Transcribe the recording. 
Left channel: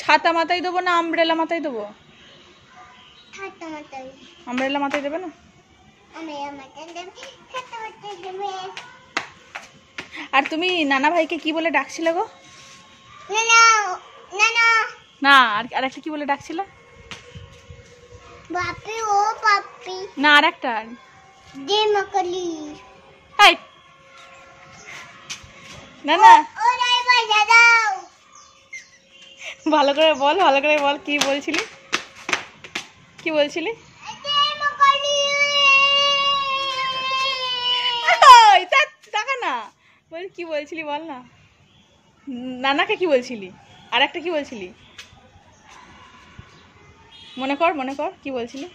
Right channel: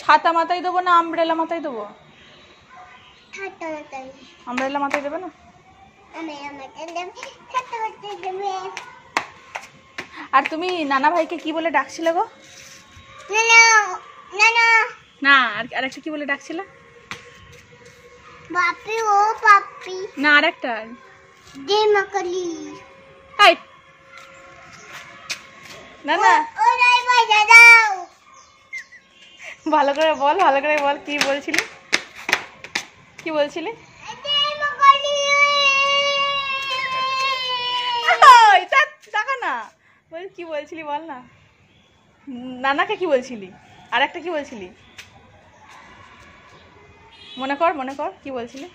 ছাতা মাথায় দেবো না আমব্রেলা মাথায় দেবো? আমব্রেলা মাথায় দেবে না? আর তুমি নানা ভাইকে কি বলে ডাকছিলে গো? না আর একটা কি বলে ডাকছিলে? বাপি ও পাপি না আর একটা দেমাকলি। এই না না ও নাই ভাই দাও ভালো করে বল কি বলছিলি? কি বলছিলি? দেমাকলি। ওই টাকা না বল, কি বলছিলি বল না। নানাকে কি বলছিলি? আর একটা কি বলছিলি? মনে কর কি বলছিলি?